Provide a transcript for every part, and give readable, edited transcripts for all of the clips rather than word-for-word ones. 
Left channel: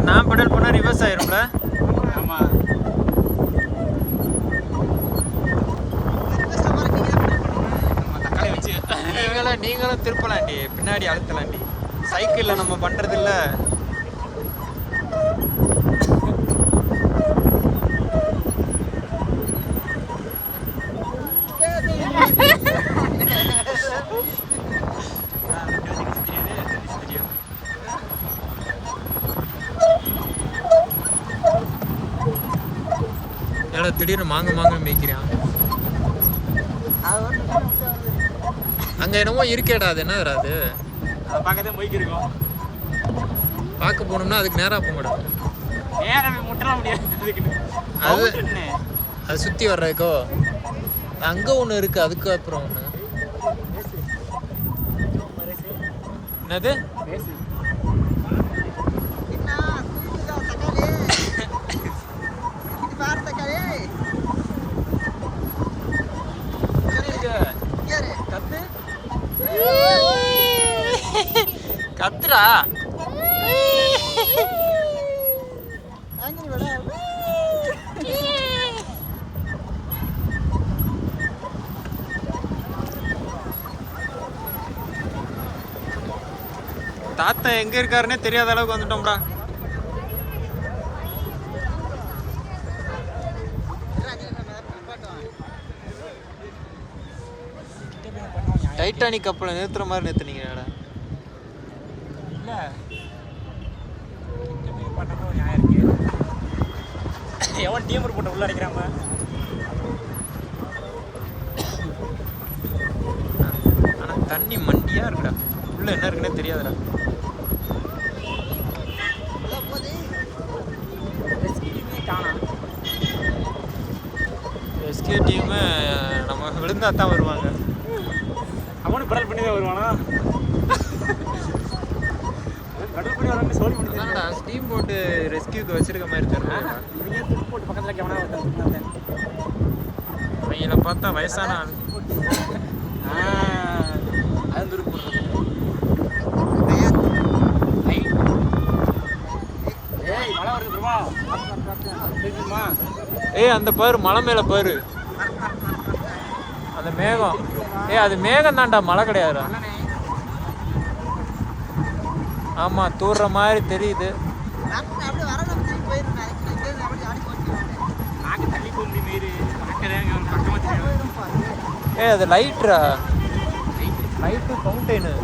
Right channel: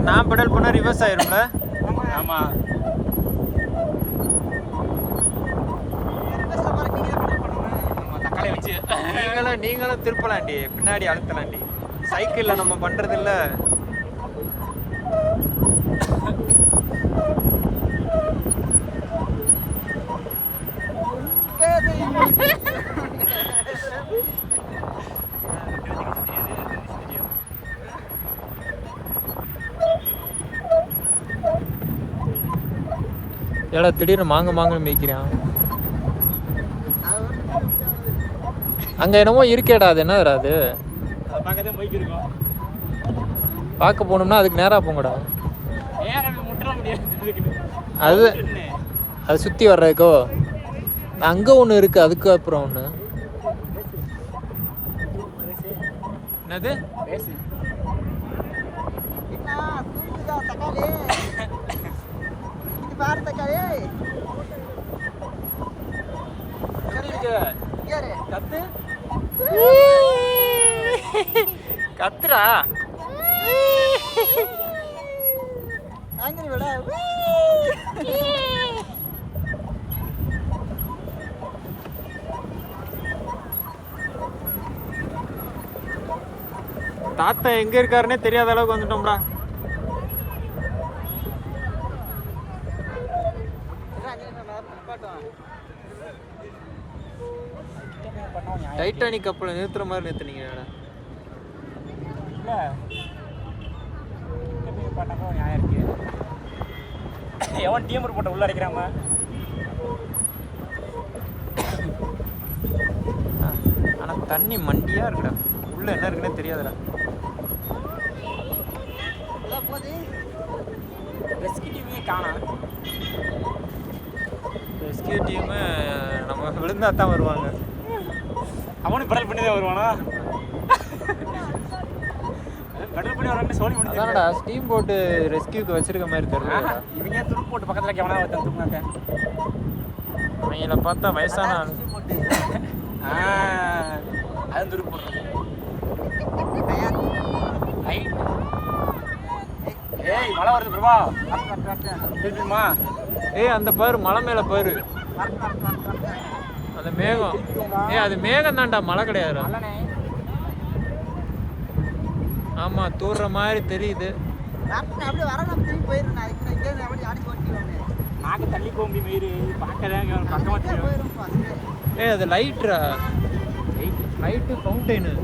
சரி நான் பெடல் பண்ணா ரிவர்ஸ் ஆயிரும்ல. ஆமா நீங்களும் திருப்பலாண்டி, பின்னாடி அழுத்தலாண்டி. சைக்கிள்ல நம்ம பண்றது இல்ல. எல்லாம் திடீர்னு மாங்கன்னு மேய்க்கிறான். அங்க என்னமோ இருக்கேடா, அது என்ன வராது? அதை பார்க்கதான் பைக் இருக்கும். பார்க்க போனோம்னா அதுக்கு நேராக போங்கடா. நேரம் முட்டலாம் முடியாது. அது சுற்றி வர்றதுக்கோ அங்கே ஒன்று இருக்குது, அதுக்கு அப்புறம் ஒன்று என்னது கத்துரா. தாத்தா எங்க இருக்காருன்னே தெரியாத அளவுக்கு வந்துட்டோம்டா. டைட்டானிக் கப்பலை நிறுத்துற மாதிரி நிறுத்துனீங்கடா. இல்ல பண்ணாங்க நியாயம் இருக்கு. எவன் டீமர் போட்டு உள்ள அடிக்கிறாங்க. ஆனா தண்ணி மண்டியா இருக்குடா, உள்ள என்ன இருக்குன்னே தெரியாதுடா. ரெஸ்கியூ டீம் நம்ம விழுந்தா தான் வருவாங்க. அவனு பெடல் பண்ணி தான் வருவானா? பெடல் பண்ணி வரணும் சொல்லி. அதானடா ஸ்டீம் போட்டு ரெஸ்கியூக்கு வச்சிருக்க மாதிரி தெரியலடா. இவங்க துப்பு போட்டு பக்கத்துல கேவனா வந்தாங்க. அவங்கள பார்த்தா வயசான ஆளு. அது துப்பு. ஏய் மழை வருது பிரபா. தெரியுமா? ஏய் அந்த பாரு, மலை மேல பாரு, அந்த மேகம். ஏய் அது மேகம் தான்டா, மழை கிடையாதுடா. ஆமா தூர்ற மாதிரி தெரியுது. அப்படியே வர நம்ம திரும்பி போயிடுறோம். அதுக்கு அப்படி ஆடி ஓட்டிடுவாங்க. நாங்க தள்ளி போக முடியும். பார்க்கறேன் பக்கமா தெரியும். ஏய் அது லைட்ரா, லைட்டு ஃபவுண்டைனு.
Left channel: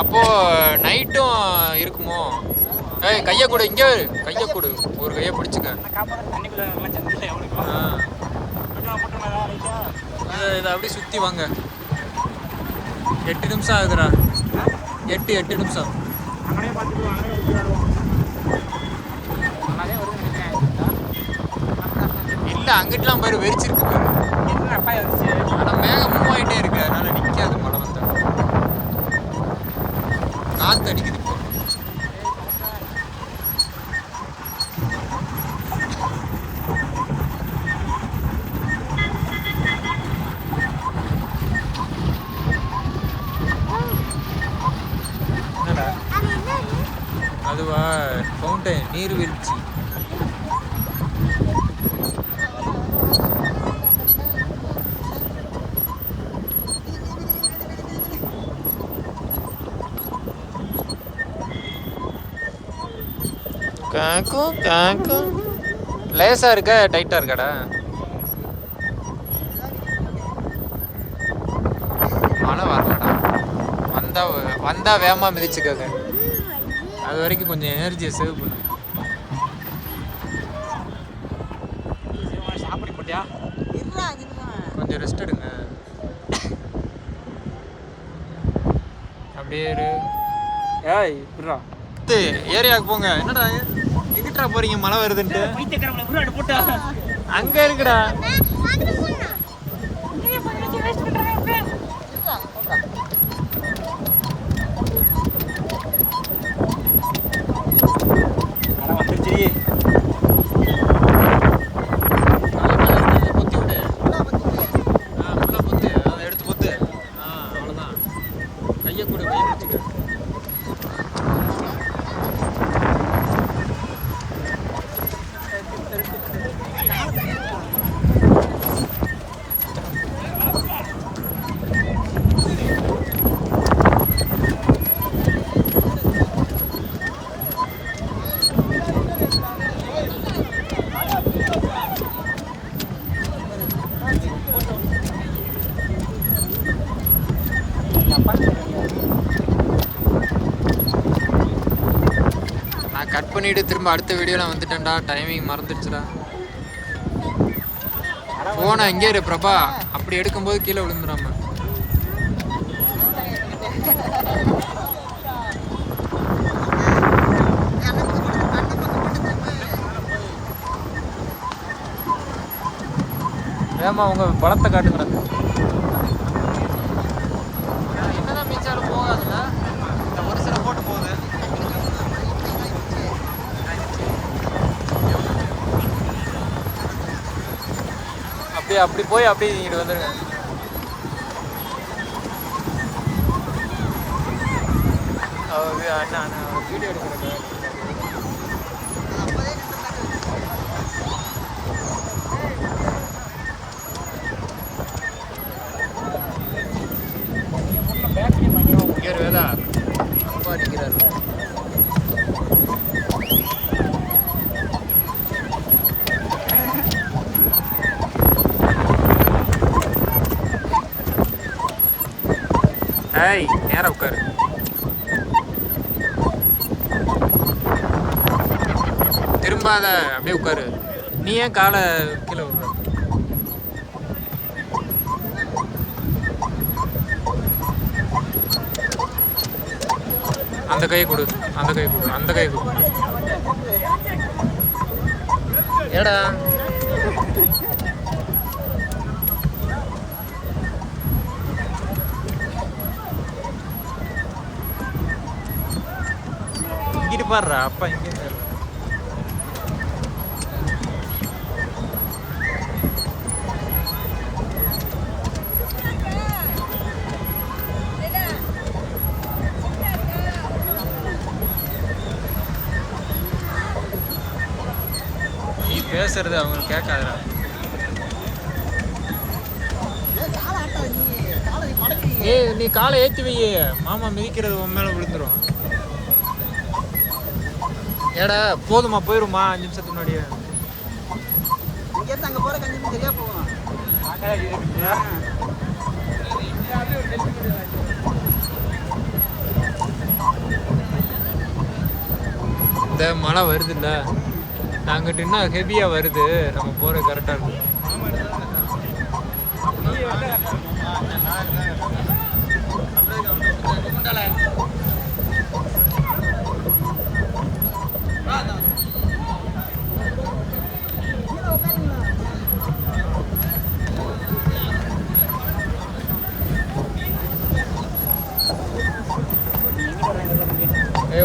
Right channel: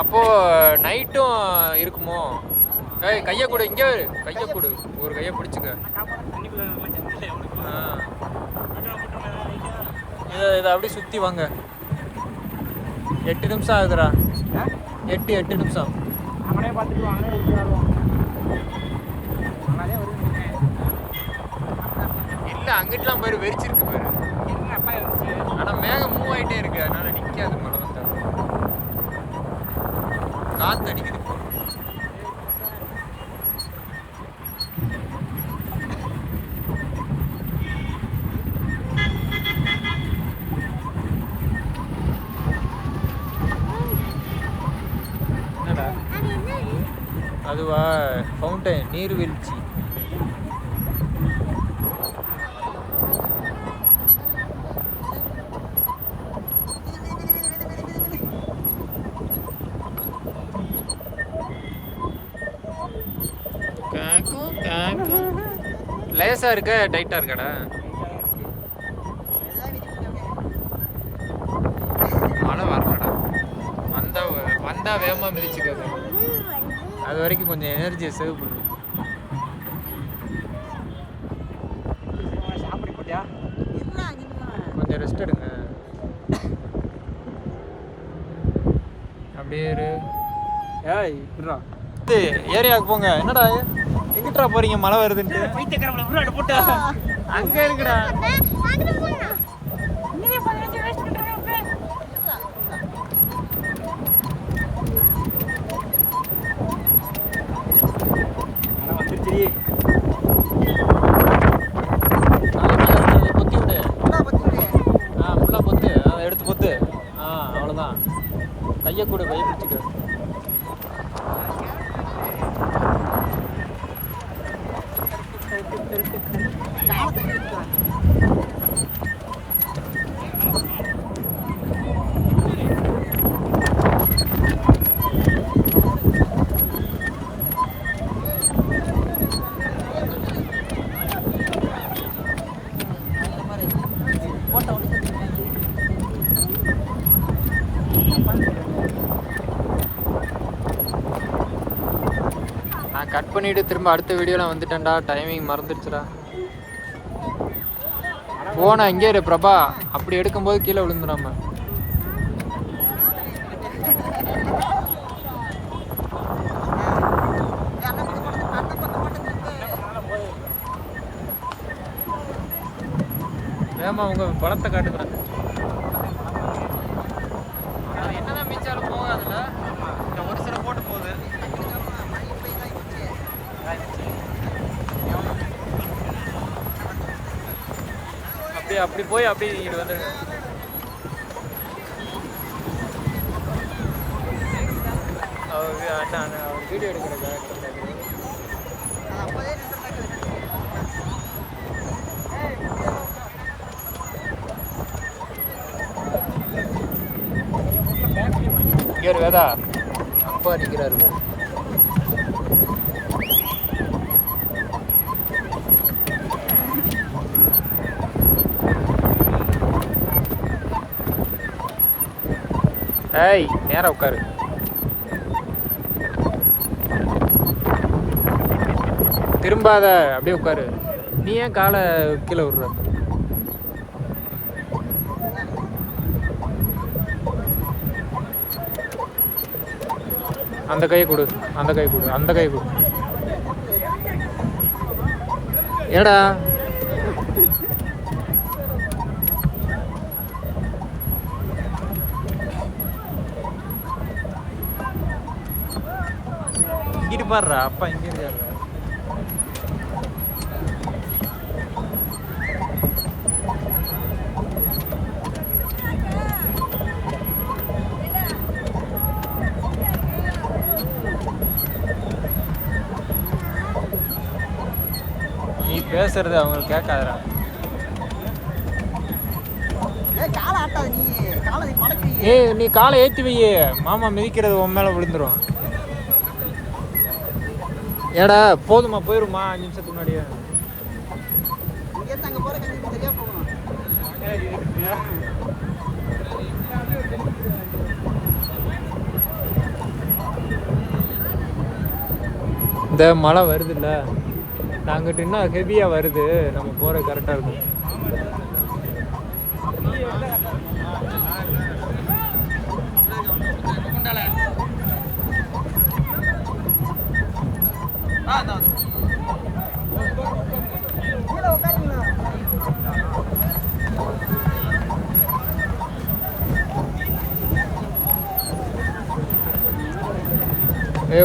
அப்போ நைட்டும் இருக்குமோ? ஏய் கையை கொடு, இங்கே கையை கொடு, ஒரு கையை பிடிச்சிக்க. இதை அப்படியே சுற்றி வாங்க. 8 நிமிஷம் ஆகுதுடா. 8 நிமிஷம். அங்கனே பார்த்துட்டு அங்கனே விட்டுருவோம். நல்லாவே வருது. இல்லை அங்கிட்டலாம் பாரு, வெறிச்சிருக்கு பாரு. ஆனால் மேகம் மூவ் ஆகிட்டே இருக்கு, அதனால நிற்காது மழை வந்தாலும். காற்று அடிக்குது இப்போ. என்னடா அதுவா? ஃபவுண்டைன், நீர்வீழ்ச்சி. லேசா இருக்கா டைட்டா இருக்காடா? மழை வரலடா. வந்தா வேகமா மிதிச்சுக்காங்க. அது வரைக்கும் கொஞ்சம் எனர்ஜியை சேவ் பண்ணு. சாப்பிட போட்டியா? கொஞ்சம் ரெஸ்ட் எடுங்க. அப்படியே ஏய் இருடா. ஏரியாவுக்கு போங்க. என்னடா எங்கிட்டா போறீங்க? மழை வருதுன்ட்டு பைத்தியக்காரங்கள உருவாடு போட்டு அங்க இருக்குடா. காலை தள்ளி வச்சுக்கோ. நான் கட் பண்ணிட்டு திரும்ப அடுத்த வீடியோவில் வந்துட்டேன்டா. டைமிங் மறந்துடுச்சுடா. போன இங்கே இரு பிரபா. அப்படி எடுக்கும்போது கீழே விழுந்துடாம. வேமா உங்க பழத்தை காட்டுங்கடா. என்னதான் மிச்சாலும் போகாதுல்ல. இந்த ஒரு சில போட்டு போகுது. அப்படியே அப்படி போய் அப்படியே இங்கிட்டு வந்துருங்க. அவர் அண்ணா அண்ணா அவர் வீடியோ எடுக்கிறக்காக அது அப்போதே நின்றுட்டாக்க இங்கே வேதா அப்பா நிற்கிறாரு. ஏய் நேரா உட்காரு. திரும்பாத அப்படியே உட்காரு. நீ ஏன் காலை கீழே விடுற? அந்த கை கொடு, அந்த கை கொடு, அந்த கை கொடு. ஏடா இங்கிட்டு பாடுறா. அப்பா இங்கே இருக்காரு. நீ பேசுறது அவங்களுக்கு கேட்காதடா. காலை ஆட்டாது. நீ காலை மடக்கி ஏய் நீ காலை ஏற்றி வையே. மாமா மிதிக்கிறது உன் மேலே விழுந்துரும். ஏடா போதுமா? போயிருமா 5 நிமிஷத்துக்கு முன்னாடியே. இங்கேருந்து அங்கே போகிற கஞ்சி சரியா போகும். இந்த மழை வருதுல்ல, நாங்கிட்ட இன்னும் ஹெவியாக வருது. நம்ம போகிற கரெக்டாக இருக்கும்.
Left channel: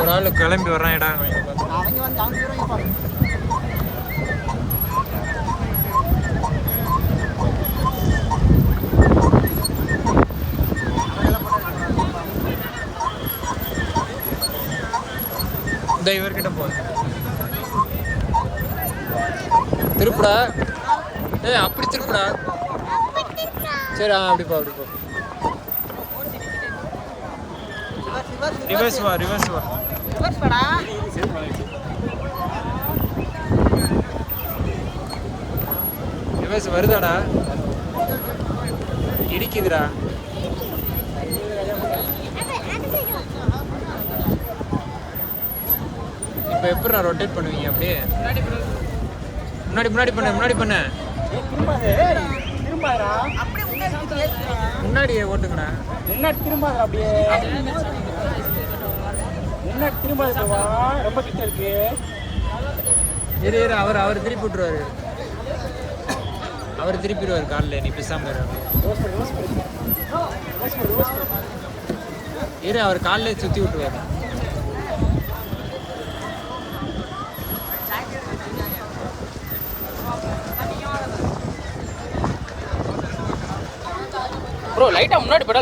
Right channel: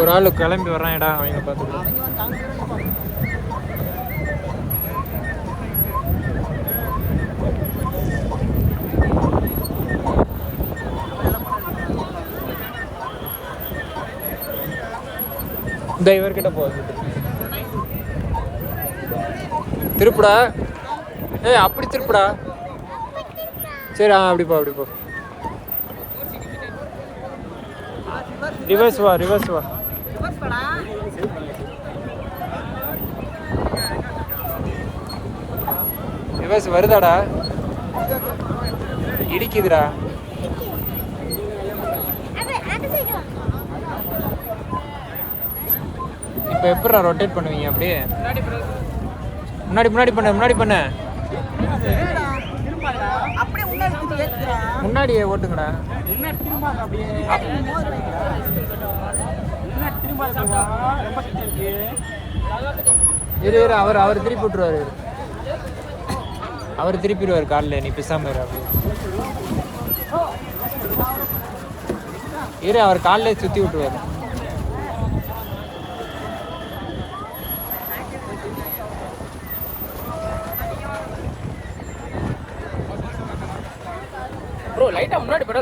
ஒரு ஆள் கிளம்பி வர்றான். இடம் அவங்க வந்து அங்கே வரையும் இந்த இவர்கிட்ட போகுது. திருப்புடா. ஏய் அப்படி திருப்புடா. சரி அப்படி போ, அப்படி போ. ரிவர்ஸ் வா, ரிவர்ஸ் வா. ரிவர்ஸ் வருதாடா? இடிக்குதுடா. இப்போ எப்படா ரொட்டேட் பண்ணுவீங்க? அப்படியே முன்னாடி முன்னாடி பண்ண, முன்னாடி பண்ண. அப்படியே முன்னாடி திருப்பி ஏற்றிக்கிறான். முன்னாடி ஓட்டுங்கடா. முன்னாடி திரும்பாத. அப்படியே முன்னாடி திரும்பாத. ரொம்ப கிட்ட இருக்கு. இரு இரு, அவர் திருப்பி விட்டுருவாரு. அவர் திருப்பிடுவார் காலில். நீ பிசாம இரு. அப்படி இரு, அவர் காலில் சுற்றி விட்டுருவார். ப்ரோ லைட்டாக முன்னாடி பெடல்